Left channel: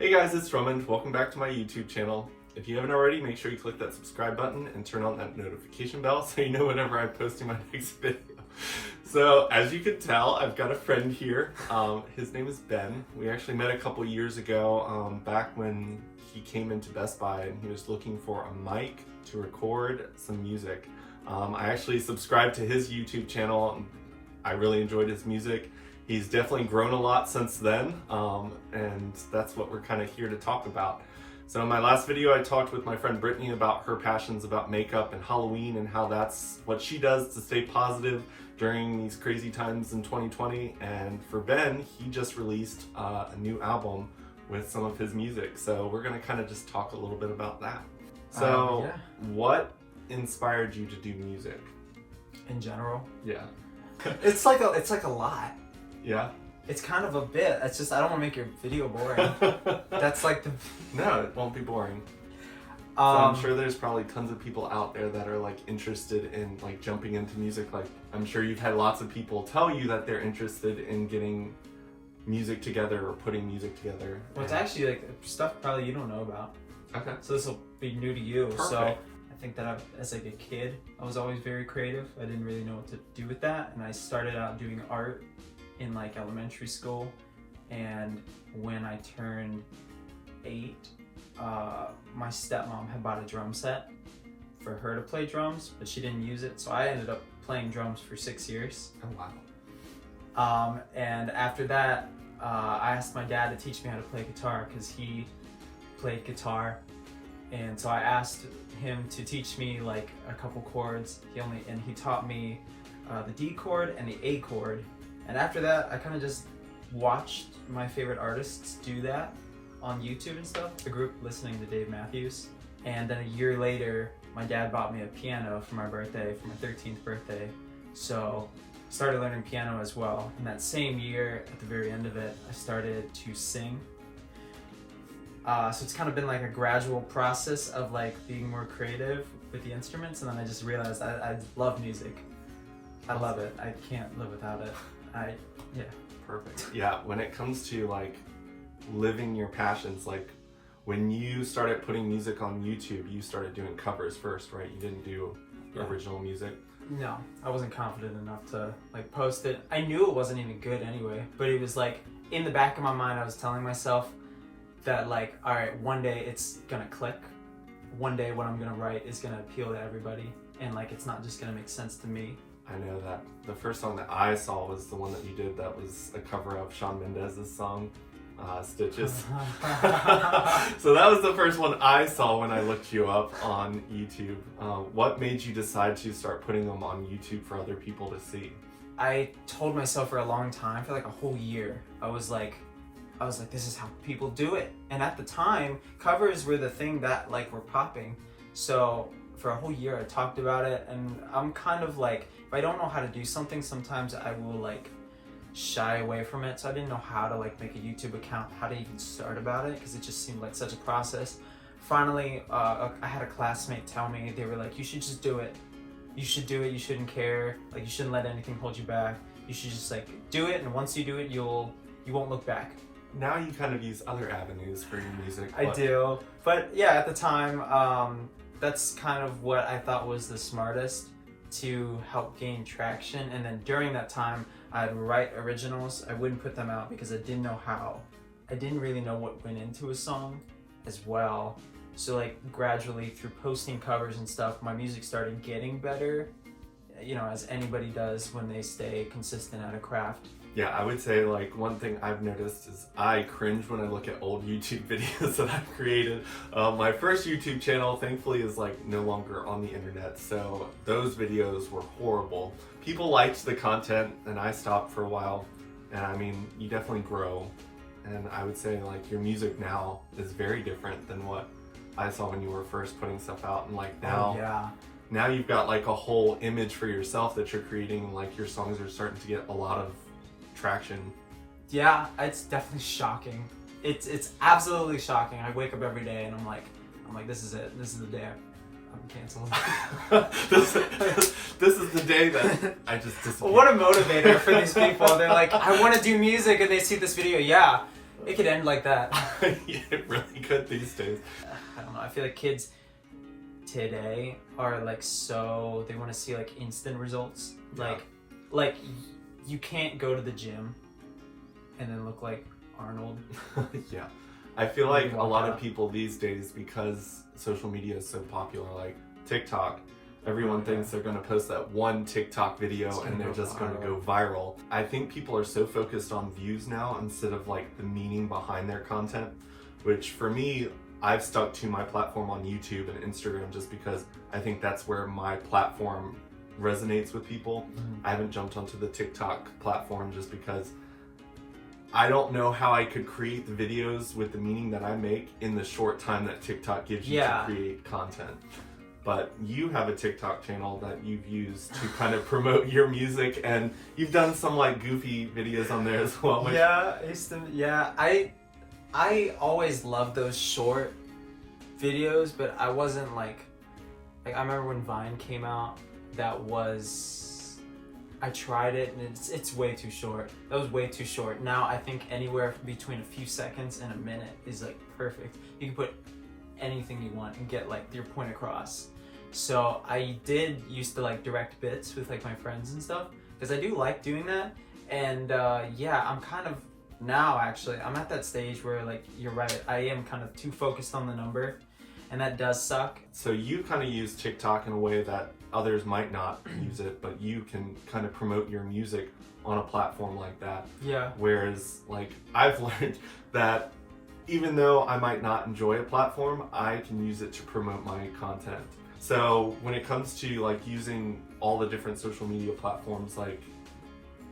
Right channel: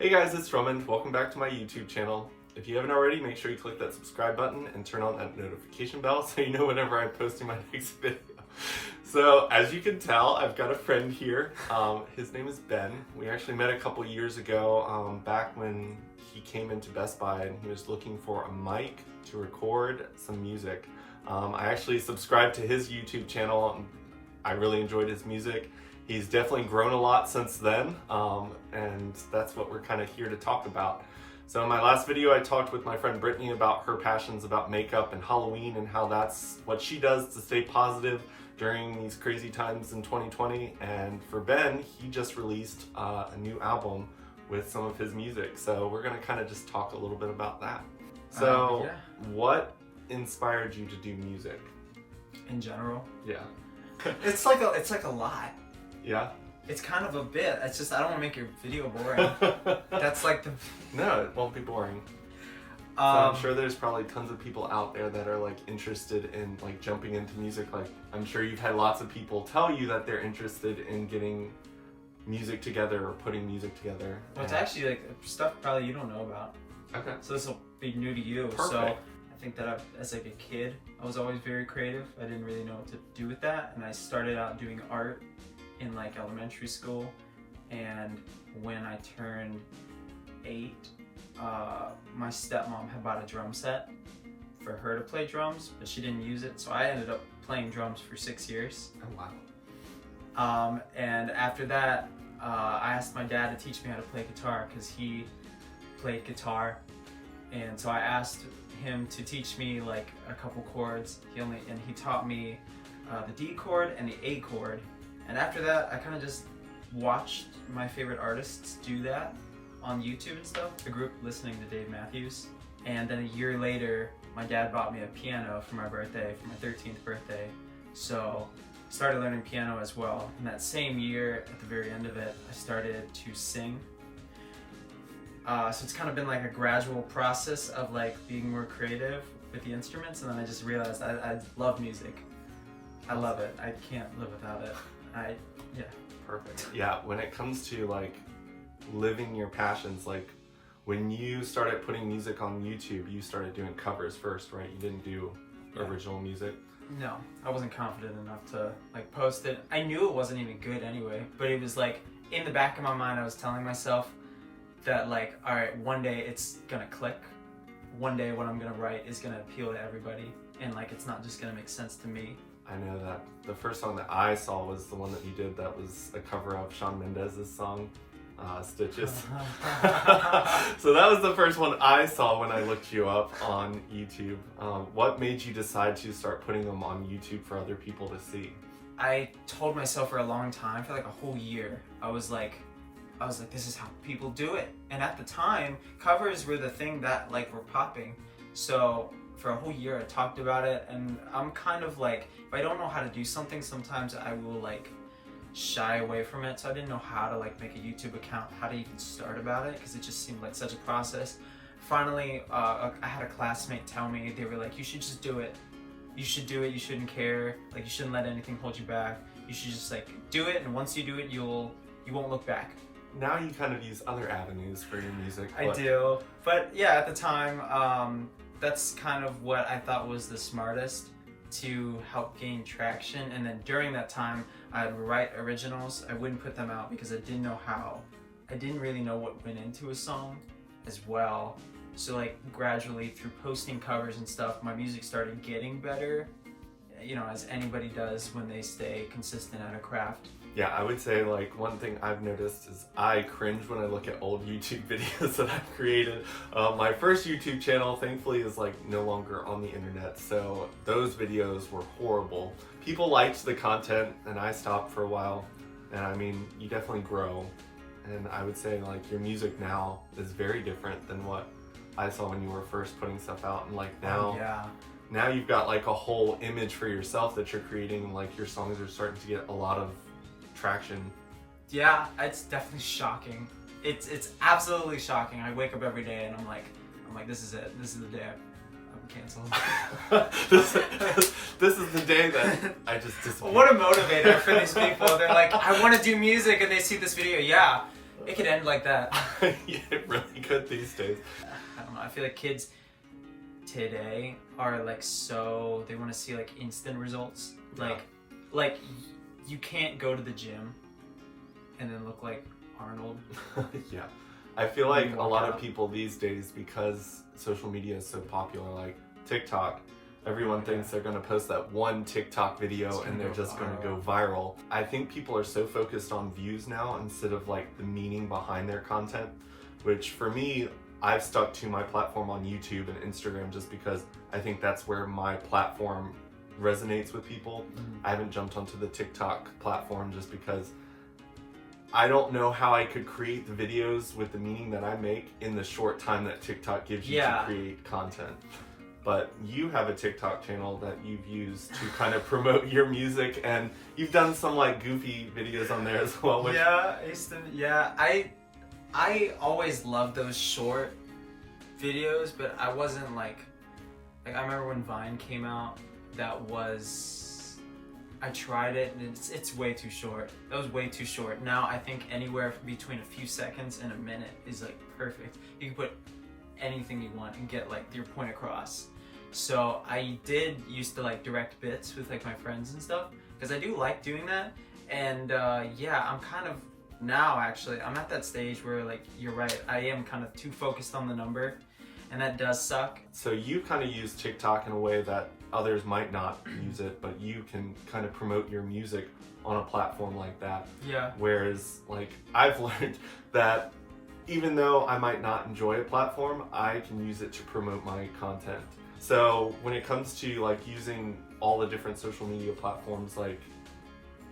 Hey guys, it's Drummond. Welcome back to my YouTube channel. If you haven't already, make sure you click that subscribe button and turn on that notification bell so you know whenever I post my next video. So, as you can tell, I've got a friend here. His name is Ben. We actually met a couple years ago, back when he came into Best Buy and he was looking for a mic to record some music. I actually subscribed to his YouTube channel. I really enjoyed his music. He's definitely grown a lot since then, and that's what we're kind of here to talk about. So in my last video, I talked with my friend Brittany about her passions about makeup and Halloween and how that's what she does to stay positive during these crazy times in 2020. And for Ben, he just released a new album with some of his music. So we're gonna kind of just talk a little bit about that. So what inspired you to do music? In general? Yeah. It's like a lot. Yeah? It's kind of a bit. It's just I don't want to make your video boring. That's like the... No, it won't be boring. So I'm sure there's probably tons of people out there that are like interested in like jumping into music. Like I'm sure you've had lots of people tell you that they're interested in getting music together or putting music together. Well, it's actually like stuff probably you don't know about. Okay. So this will be new to you. Perfect. So I think that as like a kid, I was always very creative. I didn't really know what to do with that, and I started out doing art in like elementary school. And when I turned 8, my stepmom had bought a drum set for her to play drums, but she didn't use it, so I ended up playing drums for 6 years. Oh wow. And after that, I asked my dad to teach me how to play guitar because he played guitar, and so I asked him to teach me like a couple chords. He taught me the D chord and the A chord. And after that, I kind of just watched my favorite artists do that on YouTube and stuff. I grew up listening to Dave Matthews. And then a year later, my dad bought me a piano for my birthday, for my 13th birthday. So I started learning piano as well. And that same year, at the very end of it, I started to sing. So it's kind of been like a gradual process of like being more creative with the instruments. And then I just realized I love music. I love it. I can't live without it. Yeah. Perfect. Yeah, when it comes to like living your passions, like when you started putting music on YouTube, you started doing covers first, right? You didn't do original music. No, I wasn't confident enough to like post it. I knew it wasn't even good anyway, but it was like in the back of my mind, I was telling myself that like, all right, one day it's gonna click. One day what I'm gonna write is gonna appeal to everybody, and like it's not just gonna make sense to me. I know that the first song that I saw was the one that you did that was a cover of Shawn Mendes' song, Stitches. So that was the first one I saw when I looked you up on YouTube. What made you decide to start putting them on YouTube for other people to see? I told myself for a long time, for like a whole year, I was like, this is how people do it. And at the time, covers were the thing that like were popping. So for a whole year I talked about it, and I'm kind of like, if I don't know how to do something, sometimes I will like shy away from it. So I didn't know how to like make a YouTube account, how to even start about it, because it just seemed like such a process. Finally, I had a classmate tell me, they were like, you should just do it. You should do it, you shouldn't care. Like you shouldn't let anything hold you back. You should just like do it, and once you do it, you won't look back. Now you kind of use other avenues for your music. I do, but yeah, at the time, that's kind of what I thought was the smartest to help gain traction. And then during that time, I'd write originals. I wouldn't put them out because I didn't know how. I didn't really know what went into a song as well. So like gradually through posting covers and stuff, my music started getting better, you know, as anybody does when they stay consistent at a craft. Yeah, I would say like one thing I've noticed is I cringe when I look at old YouTube videos that I've created. My first YouTube channel, thankfully, is like no longer on the internet, so those videos were horrible. People liked the content, and I stopped for a while. And I mean, you definitely grow, and I would say like your music now is very different than what I saw when you were first putting stuff out. And like now, now you've got like a whole image for yourself that you're creating, and like your songs are starting to get a lot of traction. Yeah, it's definitely shocking. It's absolutely shocking. I wake up every day and I'm like, this is it. This is the day I'm canceled. this is the day that I just disappeared. What a motivator for these people. They're like, I want to do music, and they see this video. Yeah, It could end like that. Yeah, it really could these days. I don't know. I feel like kids today are like they want to see like instant results. Yeah. Like you can't go to the gym and then look like Arnold. Yeah. I feel like a lot out. of people these days, because social media is so popular, like TikTok, everyone thinks they're going to post that one TikTok video and they're just going to go viral. I think people are so focused on views now instead of like the meaning behind their content, which for me, I've stuck to my platform on YouTube and Instagram just because I think that's where my platform resonates with people. I haven't jumped onto the TikTok platform just because I don't know how I could create the videos with the meaning that I make in the short time that TikTok gives you to create content. But you have a TikTok channel that you've used to kind of promote your music, and you've done some like goofy videos on there as well. Which... Yeah, I always loved those short videos, but I wasn't like I remember when Vine came out, I tried it and it's way too short. That was way too short. Now I think anywhere between a few seconds and a minute is like perfect. You can put anything you want and get like your point across. So I did used to like direct bits with like my friends and stuff because I do like doing that. And yeah, I'm kind of now actually I'm at that stage where like you're right, I am kind of too focused on the number, and that does suck. So you kind of use TikTok in a way that others might not use it, but you can kind of promote your music on a platform like that. Yeah. Whereas like I've learned that even though I might not enjoy a platform, I can use it to promote my content. So when it comes to like using all the different social media platforms, like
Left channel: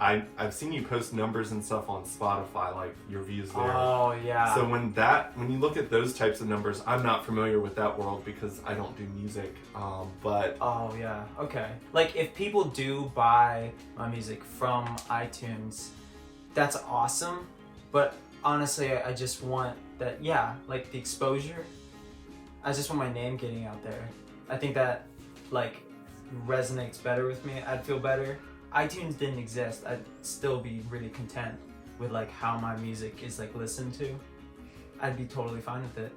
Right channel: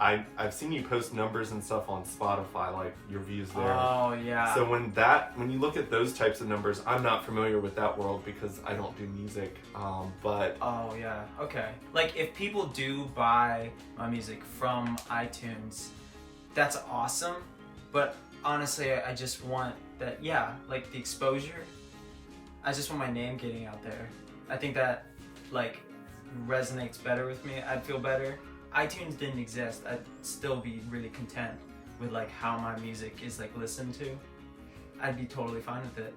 I've seen you post numbers and stuff on Spotify, like your views there. Oh yeah. So when you look at those types of numbers, I'm not familiar with that world because I don't do music. But oh yeah, okay. Like if people do buy my music from iTunes, that's awesome. But honestly, I just want that, like the exposure. I just want my name getting out there. I think that like resonates better with me. I'd feel better. iTunes didn't exist, I'd still be really content with like how my music is like listened to. I'd be totally fine with it.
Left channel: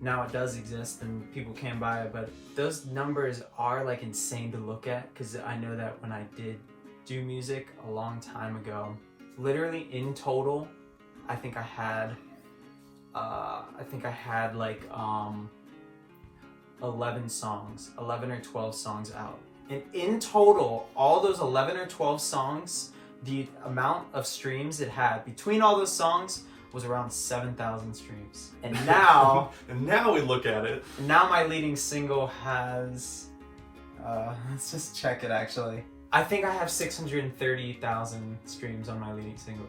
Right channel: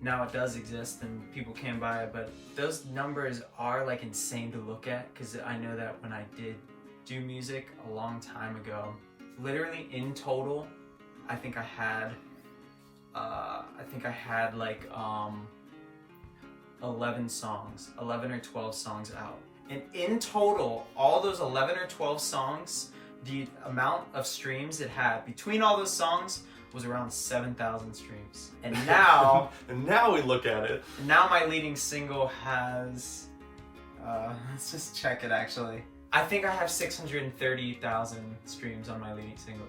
Now it does exist and people can buy it, but those numbers are like insane to look at because I know that when I did do music a long time ago, literally in total, I think I had like 11 or 12 songs out. And in total, all those 11 or 12 songs, the amount of streams it had between all those songs was around 7,000 streams. And now... and now we look at it. Now my leading single has... let's just check it actually. I think I have 630,000 streams on my leading single.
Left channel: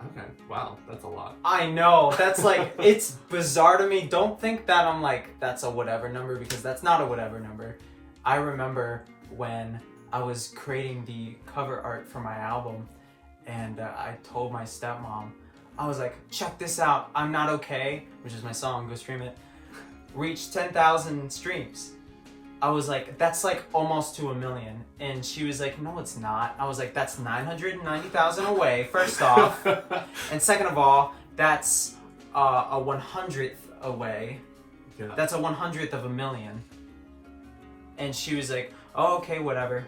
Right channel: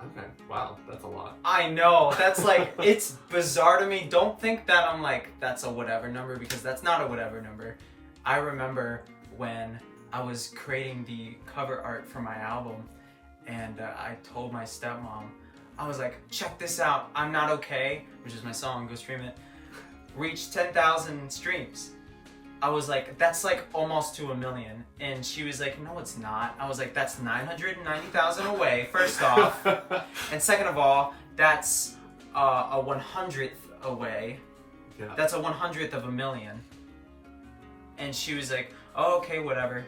Okay, wow, that's a lot. I know, that's like, it's bizarre to me. Don't think that I'm like, that's a whatever number, because that's not a whatever number. I remember when I was creating the cover art for my album, and I told my stepmom, I was like, check this out, I'm Not Okay, which is my song, go stream it, reached 10,000 streams. I was like, that's like almost to 1 million. And she was like, no, it's not. I was like, that's 990,000 away, first off. And second of all, that's a 100th away. Yeah. That's a 100th of 1 million. And she was like, oh, okay, whatever.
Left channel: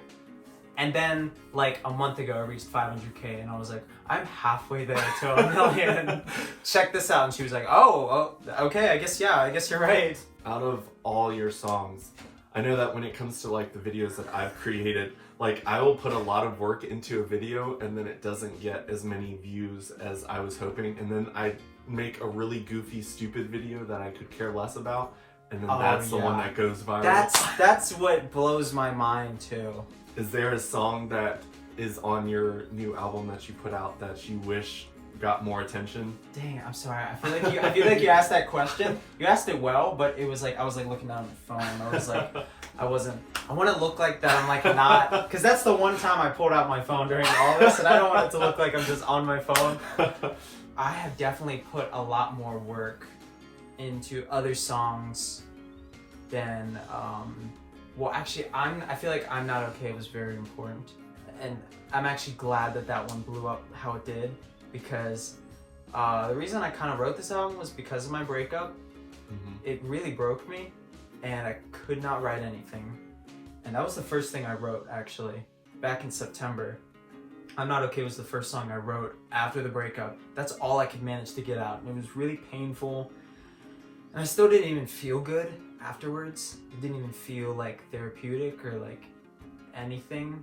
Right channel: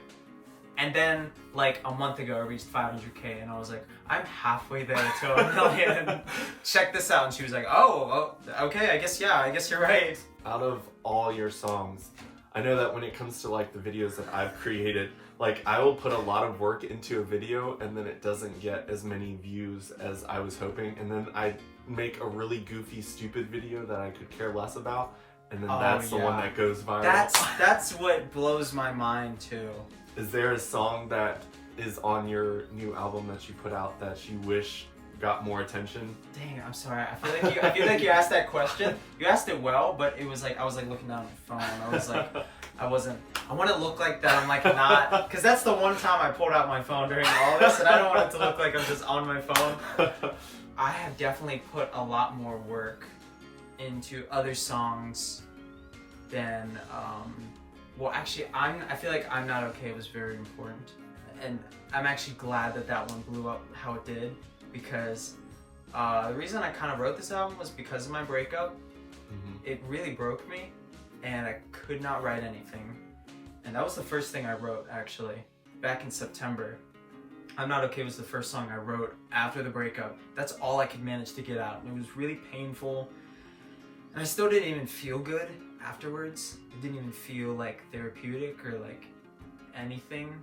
And then like a month ago, I reached 500K and I was like, I'm halfway there to 1 million. Check this out. And she was like, oh, okay, I guess you're right. Out of all your songs, I know that when it comes to like the videos that I've created, like I will put a lot of work into a video and then it doesn't get as many views as I was hoping. And then I make a really goofy, stupid video that I could care less about. And then that's the one that goes viral. That's what blows my mind too. Is there a song that is on your new album that you put out that you wish got more attention? Dang, I'm sorry. I feel like you asked that question. You asked it well, but it was like I was like looking down at my phone. I was like, I want to look like that. I'm like not, because that's the one time I pulled out my phone during all this, and I don't want it to look like I'm just on my phone. I have definitely put a lot more work into other songs than well, actually, I feel like I'm Not Okay was very important, and I'm actually glad that one blew up how it did, because The reason I kind of wrote this album was because of my breakup. It really broke me, and I could not write anything. And that was the first thing I wrote, actually, back in September. I'm Not Okay was the first song I wrote after the breakup. That's all I could manage to get out. It was really painful, and I still didn't even feel good afterwards. It didn't even feel like therapeutic or like anything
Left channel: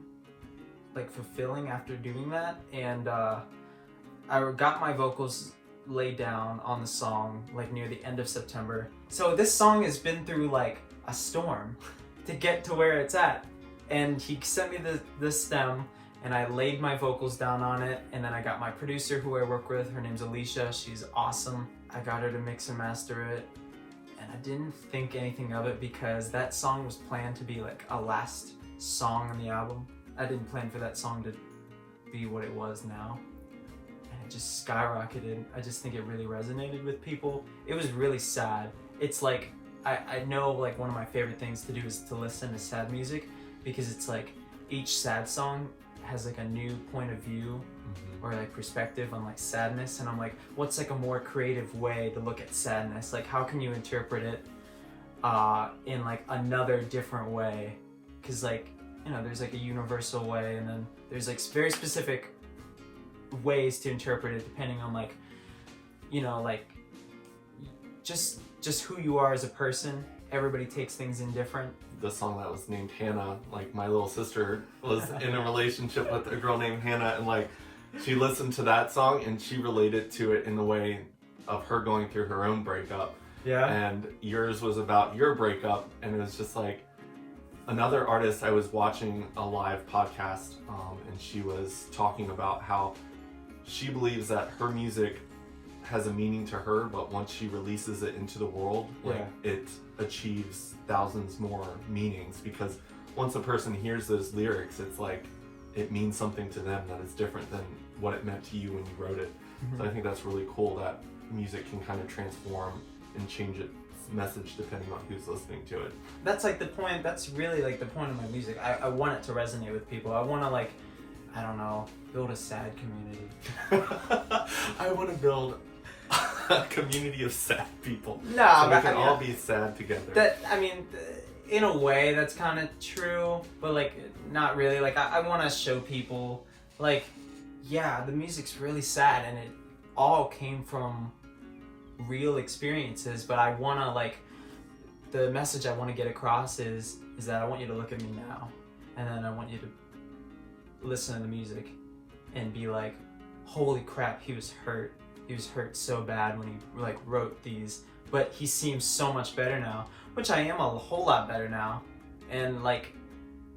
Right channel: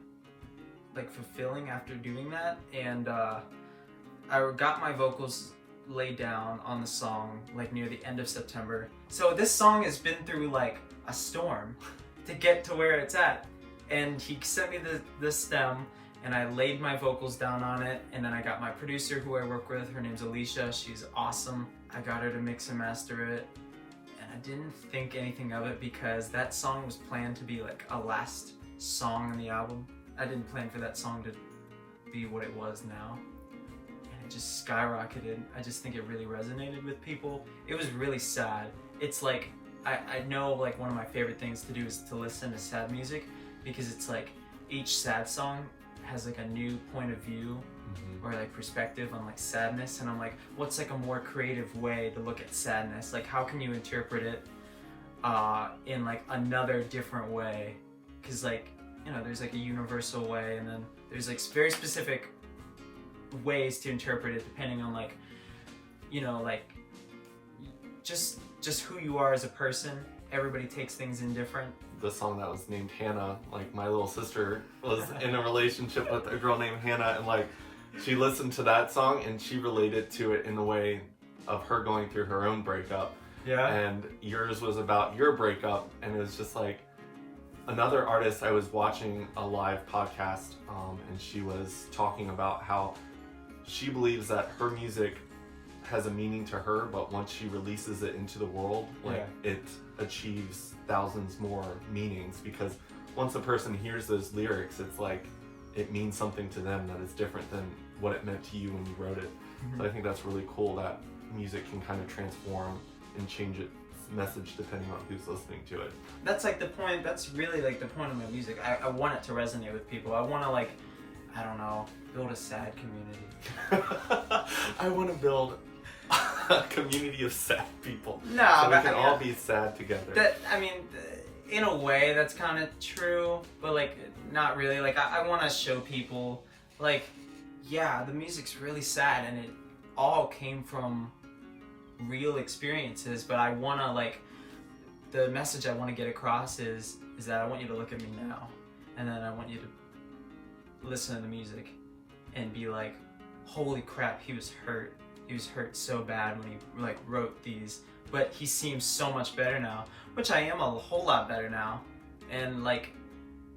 like fulfilling after doing that. And I got my vocals laid down on the song like near the end of September. So this song has been through like a storm to get to where it's at. And he sent me the stem, and I laid my vocals down on it, and then I got my producer who I work with, her name's Alicia, she's awesome. I got her to mix and master it, and I didn't think anything of it because that song was planned to be like a last song on the album. I didn't plan for that song to be what it was now. And it just skyrocketed. I just think it really resonated with people. It was really sad. It's like, I know like one of my favorite things to do is to listen to sad music, because it's like each sad song has like a new point of view or like perspective on like sadness, and I'm like, what's like a more creative way to look at sadness? Like, how can you interpret it in like another different way? Because like, you know, there's like a universal way, and then there's like very specific ways to interpret it depending on like, you know, like just who you are as a person. Everybody takes things in different. The song that was named Hannah, like my little sister was in a relationship with a girl named Hannah, and like she listened to that song and she related to it in the way of her going through her own breakup. Yeah. And yours was about your breakup, and it was just like another artist. I was watching a live podcast, and she was talking about how she believes that her music has a meaning to her, but once she releases it into the world, like it achieves thousands more meanings, because once a person hears those lyrics, it's like it means something to them that is different than what it meant to you when you wrote it. So I think that's really cool that music can kind of transform and change its message depending on who's listening to it. That's like the point. That's really like the point of my music. I want it to resonate with people. I want to like, I don't know, build a sad community. I want to build a community of sad people. No, so we but can I mean, all be sad together. That, I mean, in a way, that's kind of true, but like, not really. Like, I want to show people, like, yeah, the music's really sad, and it all came from real experiences. But I want to like, the message I want to get across is that I want you to look at me now, and then I want you to listen to the music and be like, holy crap, he was hurt. He was hurt so bad when he like wrote these, but he seems so much better now, which I am a whole lot better now. And like,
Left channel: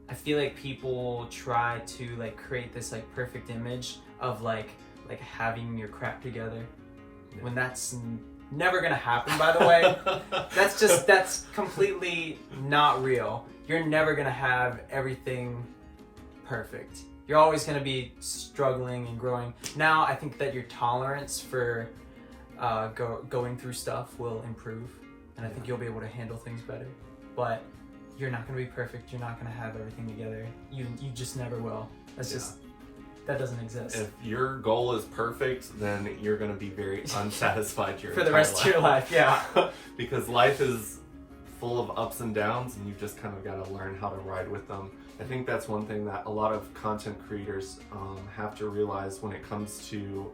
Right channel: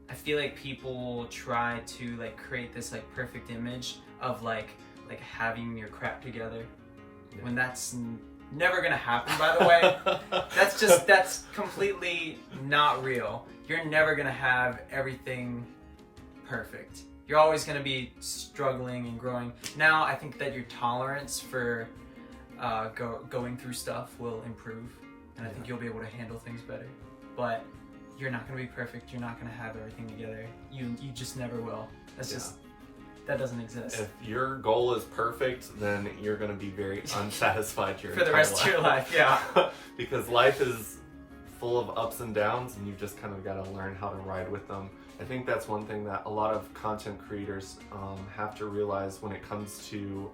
I feel like people try to like create this like perfect image of like having your crap together, when that's never gonna happen, by the way. That's completely not real. You're never gonna have everything perfect. You're always going to be struggling and growing. Now, I think that your tolerance for going through stuff will improve, and I think you'll be able to handle things better. But you're not going to be perfect. You're not going to have everything together. You just never will. That's just, that doesn't exist. If your goal is perfect, then you're going to be very unsatisfied for the rest of your life. Yeah. Because life is full of ups and downs, and you just kind of got to learn how to ride with them. I think that's one thing that a lot of content creators have to realize when it comes to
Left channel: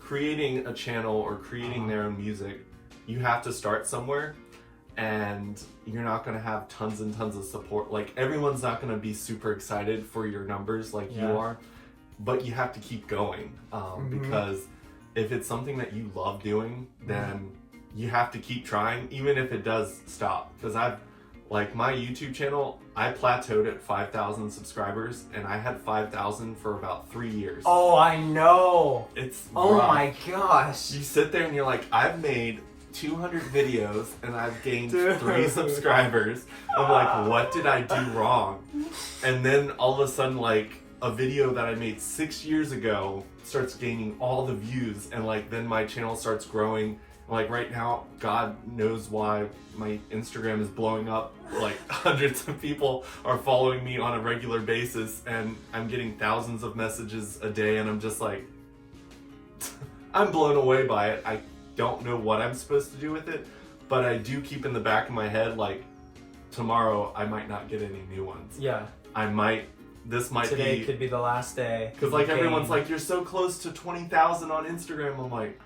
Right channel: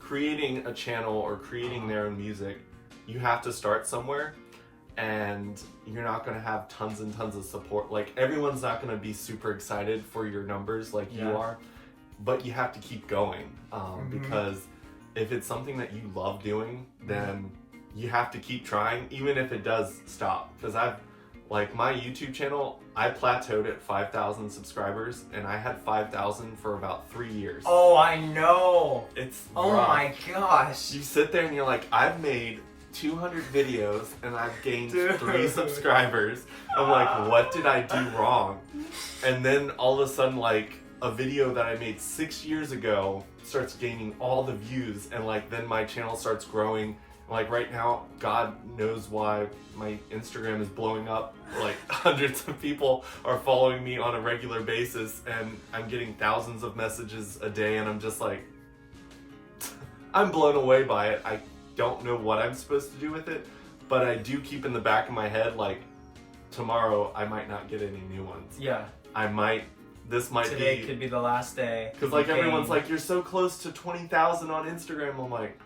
creating a channel or creating their own music. You have to start somewhere, and you're not going to have tons and tons of support. Like, everyone's not going to be super excited for your numbers like you are, but you have to keep going because if it's something that you love doing, then you have to keep trying, even if it does stop. Because like my YouTube channel, I plateaued at 5,000 subscribers, and I had 5,000 for about 3 years. Oh, I know. It's oh rough. My gosh. You sit there and you're like, I've made 200 videos and I've gained 3 subscribers. I'm like, what did I do wrong? And then all of a sudden, like, a video that I made 6 years ago starts gaining all the views, and like then my channel starts growing. Like right now, God knows why my Instagram is blowing up. Like hundreds of people are following me on a regular basis, and I'm getting thousands of messages a day, and I'm just like, I'm blown away by it. I don't know what I'm supposed to do with it, but I do keep in the back of my head, like, tomorrow I might not get any new ones. Yeah. Today could be the last day. Because like everyone's like, you're so close to 20,000 on Instagram. I'm like,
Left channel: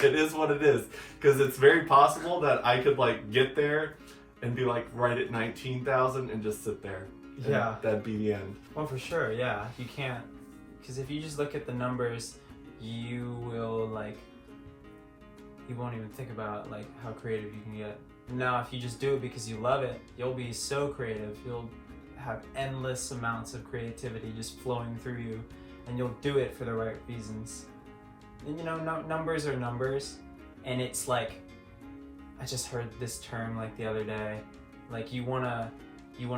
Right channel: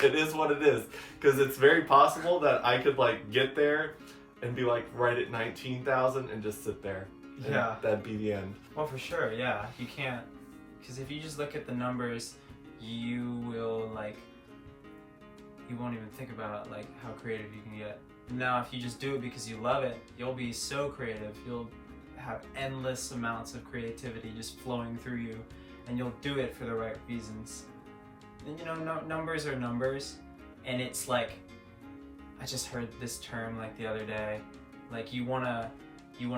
it is what it is. Because it's very possible that I could like get there and be like right at 19,000 and just sit there. Yeah. That'd be the end. Well, for sure, yeah. You can't, because if you just look at the numbers, you won't even think about like how creative you can get. Now, if you just do it because you love it, you'll be so creative. You'll have endless amounts of creativity just flowing through you, and you'll do it for the right reasons. And numbers are numbers, and it's like, I just heard this term like the other day, like you wanna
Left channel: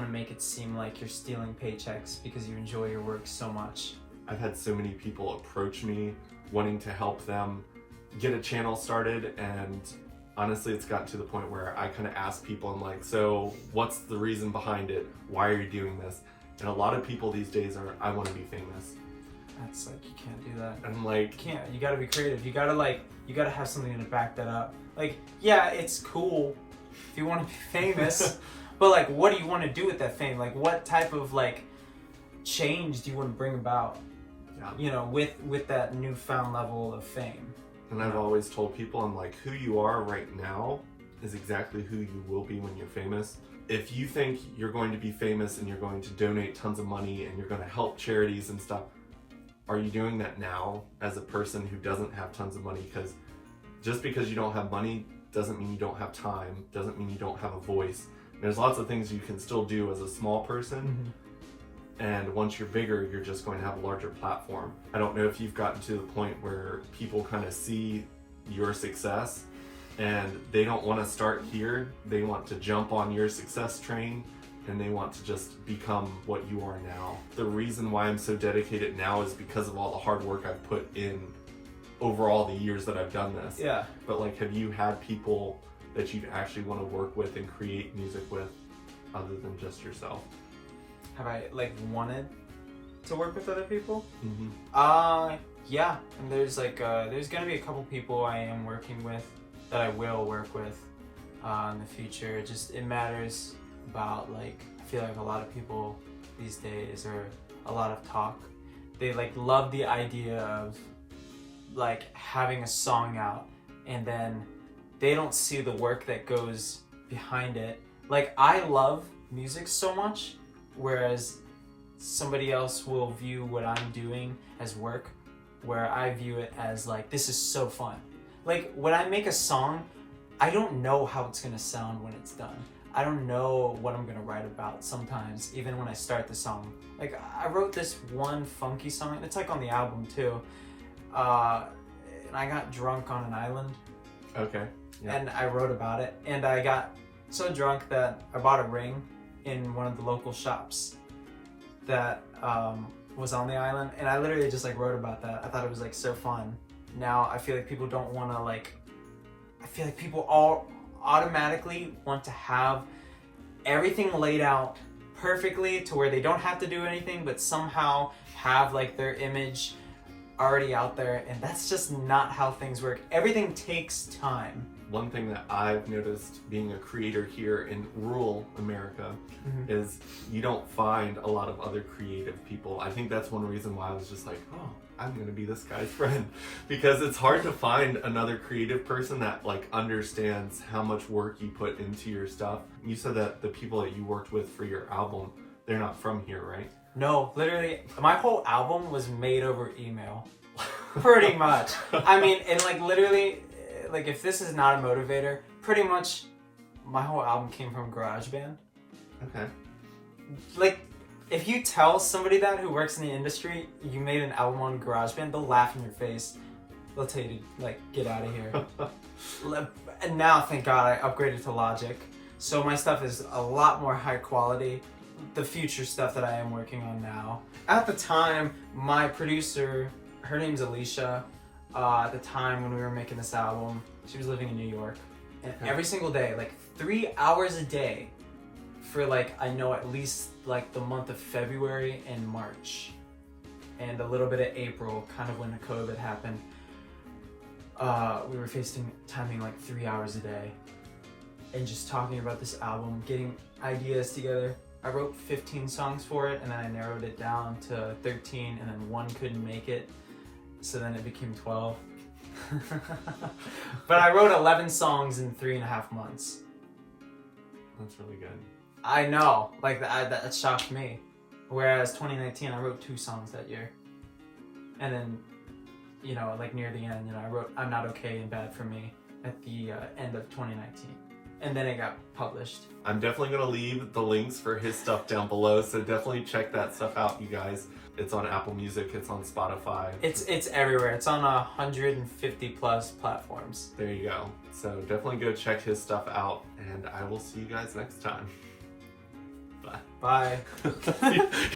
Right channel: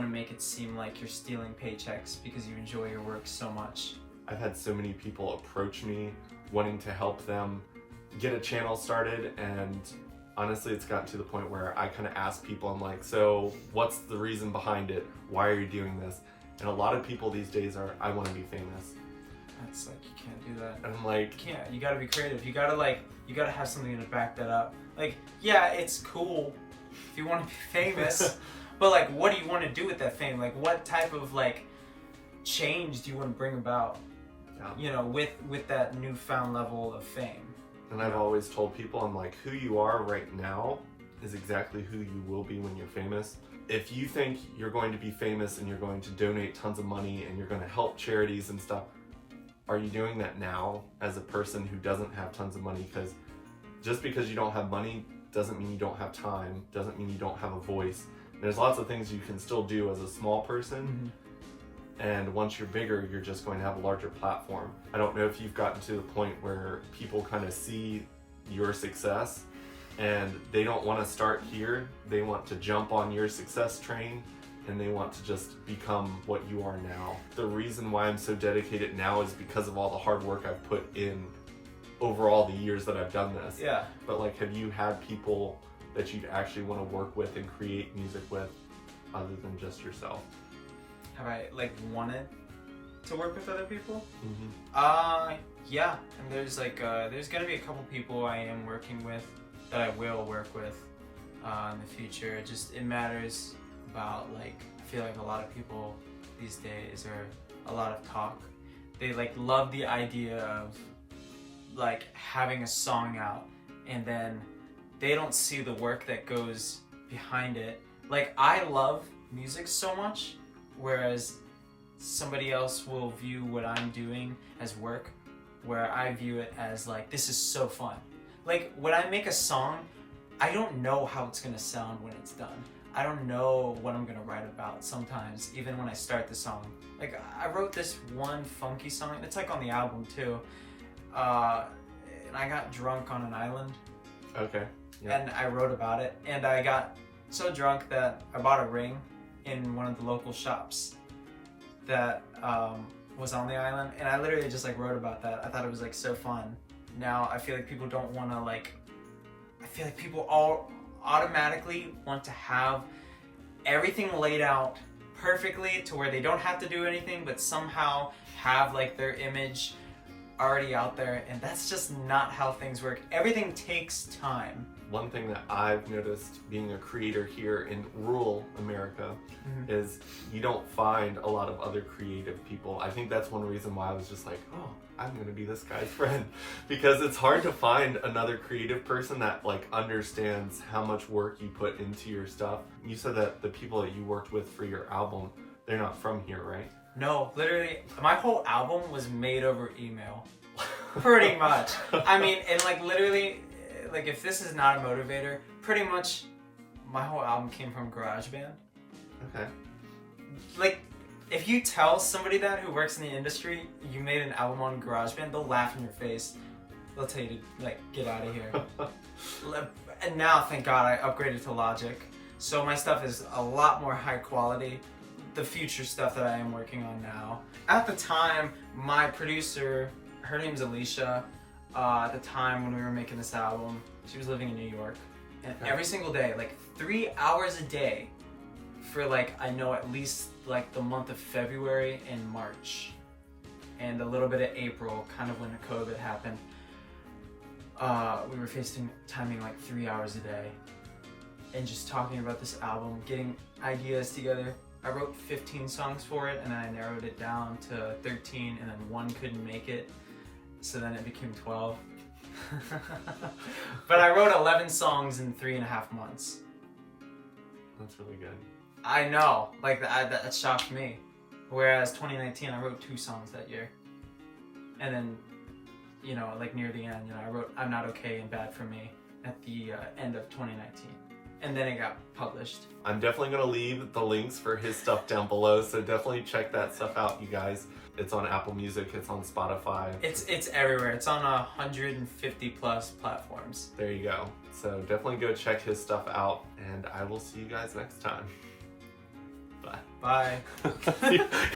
make it seem like you're stealing paychecks because you enjoy your work so much. I've had so many people approach me wanting to help them get a channel started, and honestly, it's gotten to the point where I kind of ask people, I'm like, so what's the reason behind it? Why are you doing this? And a lot of people these days are, I want to be famous. That's like, you can't do that. And I'm like, you can't. You gotta be creative. You gotta have something to back that up. Like, yeah, it's cool if you want to be famous, but like, what do you want to do with that fame? Like, what type of like change do you want to bring about? Yeah. With that newfound level of fame. And I've always told people, I'm like, who you are right now is exactly who you will be when you're famous. If you think you're going to be famous and you're going to donate tons of money and you're going to help charities and stuff, are you doing that now as a person who doesn't have tons of money? Because just because you don't have money doesn't mean you don't have time, doesn't mean you don't have a voice. There's lots of things you can still do as a small person. Mm-hmm. And once you're bigger, you're just going to have a larger platform. I don't know if you've gotten to the point where people kind of see your success and they don't want to start here. They want to jump on your success train and they want to just become what you are now. The reason why I'm so dedicated now is because of all the hard work I've put in over all the years that I've done this. Yeah. But like, have you had people that you actually want to work with and create music with other than just yourself? Have I like wanted to work with other people? Mm-hmm. Yeah. And there's gonna be a couple people I am working with that I will work with in the future. It matters about like, I feel like a lot of people these days are a lot of talk. They like love the idea of like having a song out and then they don't see the work that goes behind it. Like, I love music so much, whereas somebody else will view what I'm doing as work, where I view it as like, this is so fun. Like, when I make a song, I don't know how it's gonna sound when it's done. I don't know what I'm gonna write about sometimes, even when I start the song. Like, I wrote this one funky song, and it's like on the album too. And I got drunk on an island. Okay. Yeah. And I wrote about it, and I got so drunk that I bought a ring in one of the local shops that was on the island, and I literally just like wrote about that. I thought it was like so fun. Now I feel like people don't want to like, I feel like people all automatically want to have everything laid out perfectly to where they don't have to do anything, but somehow have like their image already out there, and that's just not how things work. Everything takes time. One thing that I've noticed being a creator here in rural America is you don't find a lot of other creative people. I think that's one reason why I was just like, oh, I'm gonna be this guy's friend, because it's hard to find another creative person that like understands how much work you put into your stuff. You said that the people that you worked with for your album, they're not from here, right? No, literally, my whole album was made over email. Pretty much. I mean, and like literally, like if this is not a motivator, pretty much my whole album came from GarageBand. Okay. Like, if you tell somebody that who works in the industry you made an album on GarageBand, they'll laugh in your face. They'll tell you to like get out of here. And now, thank God, I upgraded to Logic, so my stuff is a lot more high quality. The future stuff that I am working on now. At the time, my producer, her name's Alicia. At the time when we were making this album, she was living in New York, and every single day, like 3 hours a day, for like, I know at least like the month of February and March, and a little bit of April, kind of when the COVID happened, we were FaceTiming like 3 hours a day and just talking about this album, getting ideas together. I wrote 15 songs for it, and then I narrowed it down to 13, and then one couldn't make it, so then it became 12. But I wrote 11 songs in 3.5 months. That's really good. I know, like that shocked me. Whereas 2019, I wrote 2 songs that year. And then, you know, like near the end, you know, I wrote I'm Not Okay and Bad For Me at the end of 2019. And then it got published. I'm definitely going to leave the links for his stuff down below, so definitely check that stuff out, you guys. It's on Apple Music, it's on Spotify. It's everywhere. It's on 150 plus platforms. There you go. So definitely go check his stuff out, and I will see you guys next time. Bye. Bye.